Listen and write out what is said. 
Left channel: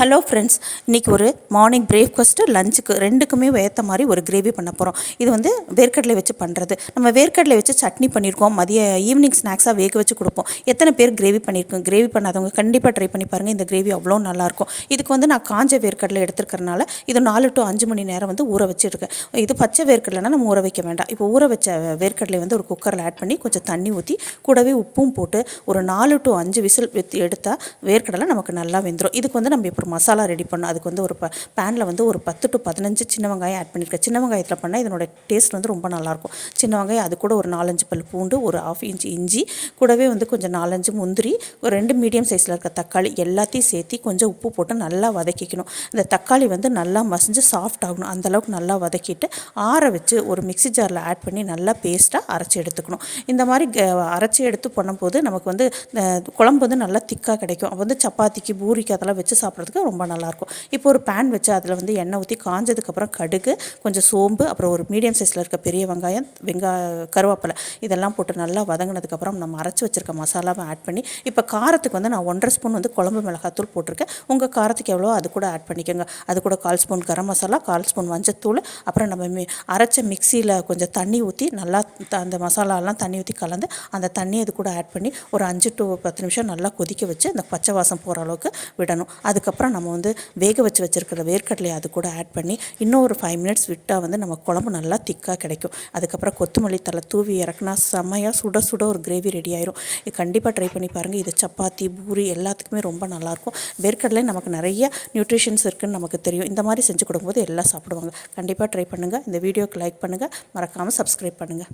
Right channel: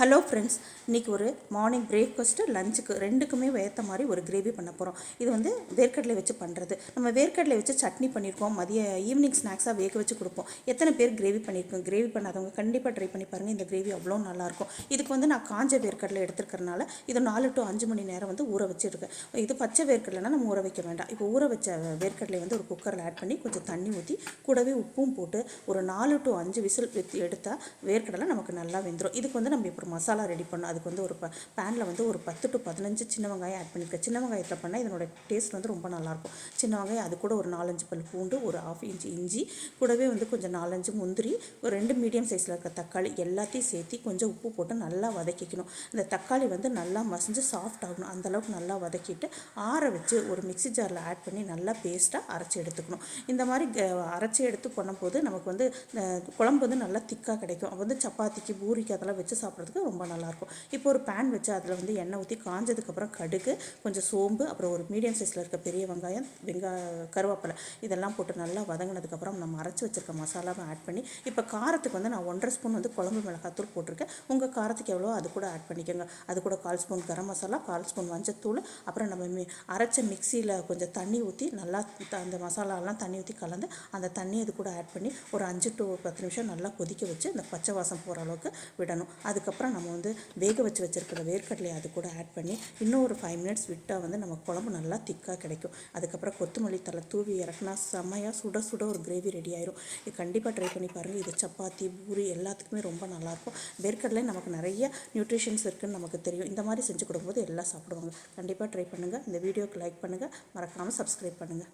Hello friends, இன்றைக்கி ஒரு morning breakfast லஞ்சுக்கு ரெண்டுக்குமே ஏற்ற மாதிரி ஒரு கிரேவி பண்ண போகிறோம். இது வந்து வேர்க்கடலை வச்சு பண்ணுறது. நம்ம வேர்க்கடலை வச்சு சட்னி பண்ணியிருக்கோம், ஈவினிங் ஸ்நாக்ஸாக வேக வச்சு கொடுப்போம். எத்தனை பேர் கிரேவி பண்ணியிருக்கோம்? கிரேவி பண்ணாதவங்க கண்டிப்பாக ட்ரை பண்ணி பாருங்கள். இந்த கிரேவி அவ்வளோ நல்லாயிருக்கும். இதுக்கு வந்து நான் காஞ்ச வேர்க்கடலை எடுத்துருக்கறனால இது 4 to 5 மணி நேரம் வந்து ஊற வச்சுருக்கேன். இது பச்சை வேர்க்கடலைனா நம்ம ஊற வைக்க வேண்டாம். இப்போ ஊற வச்ச வேர்க்கடலை வந்து ஒரு குக்கரில் ஆட் பண்ணி கொஞ்சம் தண்ணி ஊற்றி கூடவே உப்பும் போட்டு ஒரு 4 to 5 விசில் எடுத்தால் வேர்க்கடலை நமக்கு நல்லா வெந்துடும். இதுக்கு வந்து நம்ம இப்போ மசாலா ரெடி பண்ணோம். அதுக்கு வந்து ஒரு பேனில் வந்து ஒரு 10 to 15 சின்ன வெங்காயம் ஆட் பண்ணியிருக்கேன். சின்ன வெங்காயத்தில் பண்ணால் இதனோட டேஸ்ட் வந்து ரொம்ப நல்லாயிருக்கும். சின்ன வெங்காயம், அது கூட ஒரு 4-5 பல் பூண்டு, ஒரு 1/2 இன்ச் இஞ்சி, கூடவே வந்து கொஞ்சம் 4-5 முந்திரி, ஒரு 2 மீடியம் சைஸில் இருக்க தக்காளி எல்லாத்தையும் சேர்த்து கொஞ்சம் உப்பு போட்டு நல்லா வதக்கிக்கணும். இந்த தக்காளி வந்து நல்லா மசிஞ்சு சாஃப்ட் ஆகணும். அந்தளவுக்கு நல்லா வதக்கிட்டு ஆற வச்சு ஒரு மிக்ஸி ஜாரில் ஆட் பண்ணி நல்லா பேஸ்ட்டாக அரைச்சி எடுத்துக்கணும். இந்த மாதிரி அரைச்சி எடுத்து பண்ணும்போது நமக்கு வந்து குழம்பு வந்து நல்லா திக்காக கிடைக்கும். அப்போ வந்து சப்பாத்திக்கு, பூரிக்கு அதெல்லாம் வச்சு சாப்பிட்றதுக்கு ரொம்ப நல்லாயிருக்கும். இப்போ ஒரு பேன் வச்சு அதில் வந்து எண்ணெய் ஊற்றி காஞ்சதுக்கப்புறம் கடுகு, கொஞ்சம் சோம்பு, அப்புறம் ஒரு மீடியம் சைஸில் இருக்க பெரிய வெங்காயம், கருவேப்பிலை இதெல்லாம் போட்டு நல்லா வதங்கினதுக்கப்புறம் நம்ம அரைச்சி வச்சுருக்க மசாலாவை ஆட் பண்ணி, இப்போ காரத்துக்கு வந்து நான் 1.5 ஸ்பூன் வந்து குழம்பு மிளகாத்தூள் போட்டிருக்கேன். உங்கள் காரத்துக்கு எவ்வளோ அது கூட ஆட் பண்ணிக்கோங்க. அது கூட 1/4 ஸ்பூன் கரம் மசாலா, 1/4 ஸ்பூன் மஞ்சத்தூள், அப்புறம் நம்ம அரைச்ச மிக்சியில் கொஞ்சம் தண்ணி ஊற்றி நல்லா அந்த மசாலாலாம் தண்ணி ஊற்றி கலந்து அந்த தண்ணி அது கூட ஆட் பண்ணி ஒரு 5 to 10 நிமிஷம் நல்லா கொதிக்க வச்சு அந்த பச்சை வாசம் போகிற அளவுக்கு விடணும். அதுக்கப்புறம் நம்ம வந்து வேக வச்சுருக்கிற வேர்க்கடலையை அது கூட ஆட் பண்ணி இன்னும் ஒரு 5 மினிட்ஸ் விட்டால் வந்து நம்ம குழம்பு நல்லா திக்காக கிடைக்கும். அதுக்கப்புறம் கொத்தமல்லி தலை தூவி இறக்குனா செம்மையாக சுட சுட ஒரு கிரேவி ரெடி ஆயிரும். இது கண்டிப்பாக ட்ரை பண்ணி பாருங்கள். இது சப்பாத்தி, பூரி எல்லாத்துக்குமே ரொம்ப நல்லாயிருக்கும். வேர்க்கடலை நமக்கு நிறைய நியூட்ரிஷன்ஸ் இருக்குதுன்னு நமக்கு தெரியும். இந்த மாதிரி செஞ்சு கொடுக்கும்போது எல்லாம் சாப்பிடுவாங்க. கண்டிப்பாக ட்ரை பண்ணுங்கள். இந்த வீடியோக்கு லைக் பண்ணுங்கள், மறக்காமல் சப்ஸ்கிரைப் பண்ணுங்கள்.